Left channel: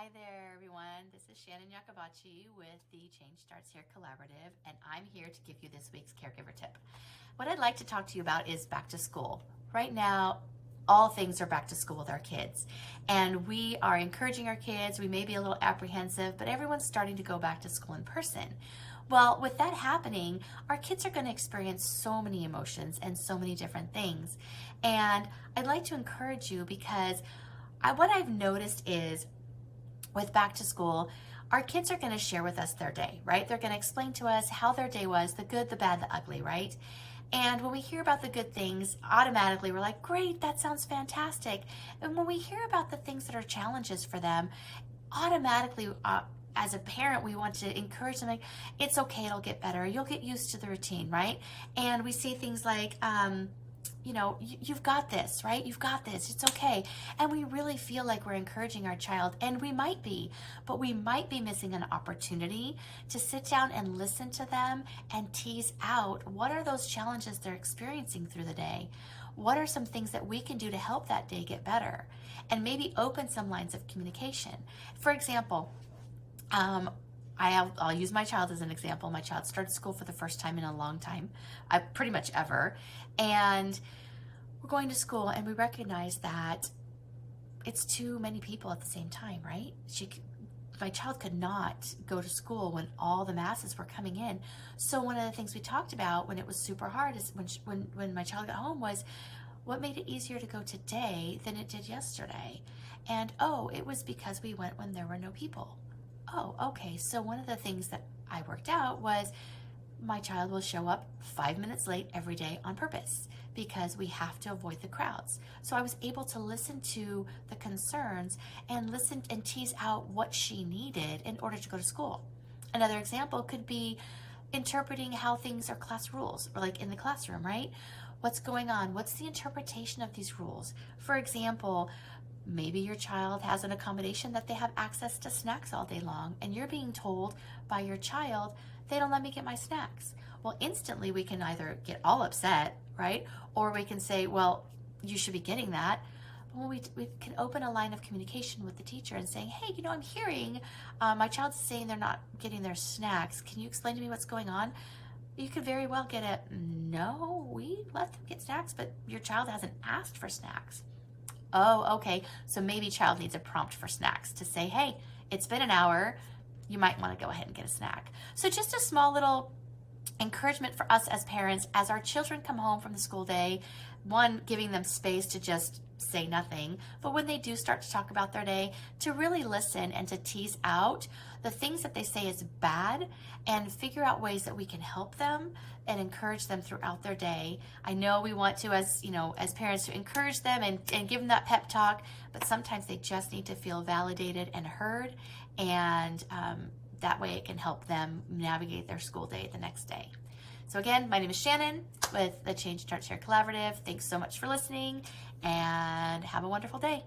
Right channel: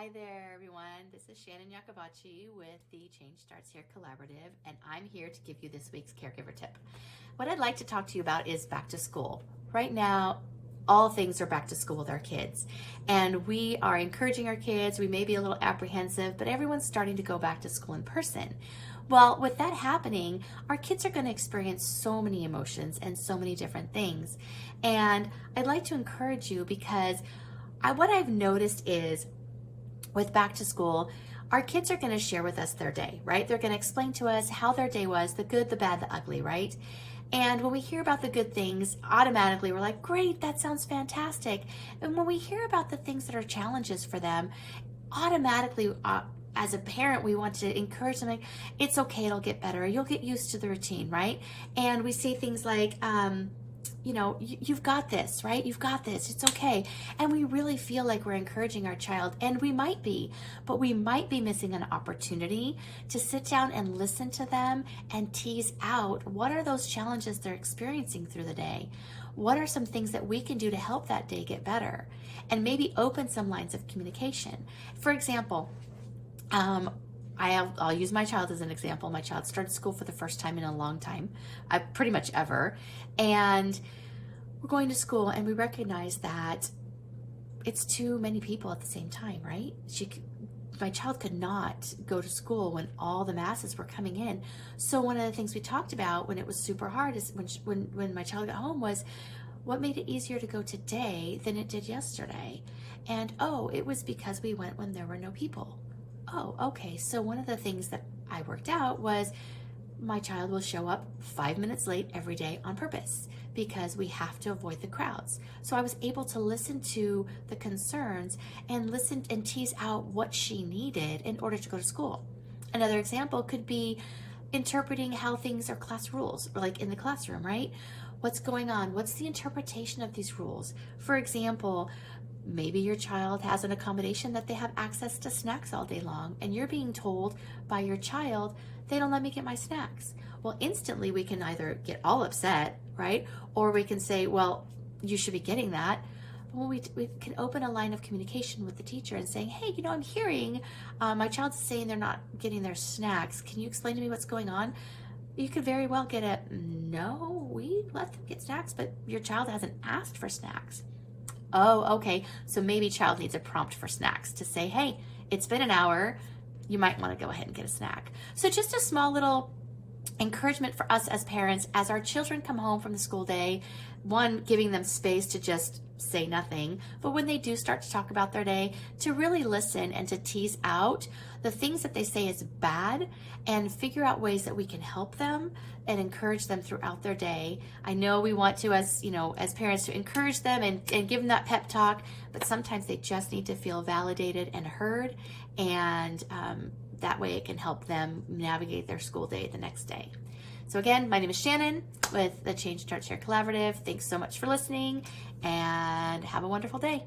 Hi there, everyone. This is Shannon Yakabachi with the Change Starts Here Collaborative, and I'm here to give you this week's caregiver tip. What I'd like to talk to you about is back to school. Right now, all things are back to school with our kids, and we are encouraging our kids. We may be a little apprehensive, but everyone's starting to go back to school in person. Well, with that happening, our kids are going to experience so many emotions and so many different things. And I'd like to encourage you because what I've noticed is with back to school, our kids are going to share with us their day, right? They're going to explain to us how their day was, the good, the bad, the ugly, right? And when we hear about the good things, automatically we're like, great, that sounds fantastic. And when we hear about the things that are challenges for them, automatically, as a parent, we want to encourage them, like, it's okay, it'll get better. You'll get used to the routine, right? And we say things like, you've got this, right? You've got this. It's okay. And we really feel like we're encouraging our child, and we might be, but we might be missing an opportunity to sit down and listen to them and tease out what are those challenges they're experiencing through the day. What are some things that we can do to help that day get better? And maybe open some lines of communication. For example, I'll use my child as an example. My child started school for the first time in a long time, pretty much ever. And we're going to school and we recognize that it's too many people at the same time, right? My child could not go to school when all the masses were coming in. So one of the things we talked about when it was super hard is when my child got home was, what made it easier to go today than it did yesterday? And it was because we went when there were no people. Oh, okay. So one of the things that I worked out was my child will show up 5 minutes late every day on purpose because we have to avoid the crowds. So I was able to listen to the concerns and listen and tease out what she needed in order to go to school. Another example could be interpreting how things are class rules, like in the classroom, right? What's going on? What's the interpretation of these rules? For example, maybe your child has an accommodation that they have access to snacks all day long, and you're being told by your child, they don't let me get my snacks. Well, instantly we can either get all upset, right? Or we can say, well, you should be getting that. Well, we can open a line of communication with the teacher and saying, hey, I'm hearing my child's saying they're not getting their snacks. Can you explain to me what's going on? You could very well get a, no, we let them get snacks, but your child hasn't asked for snacks. Oh, okay. So maybe child needs a prompt for snacks to say, hey, it's been an hour. You might want to go ahead and get a snack. So just a small little encouragement for us as parents, as our children come home from the school day, one, giving them space to just say nothing, but when they do start to talk about their day, to really listen and to tease out the things that they say is bad and figure out ways that we can help them and encourage them throughout their day. I know we want to, as parents, to encourage them and give them that pep talk, but sometimes they just need to feel validated and heard, and that way it can help them navigate their school day the next day. So again, my name is Shannon with the Change Starts Here Collaborative. Thanks so much for listening, and have a wonderful day.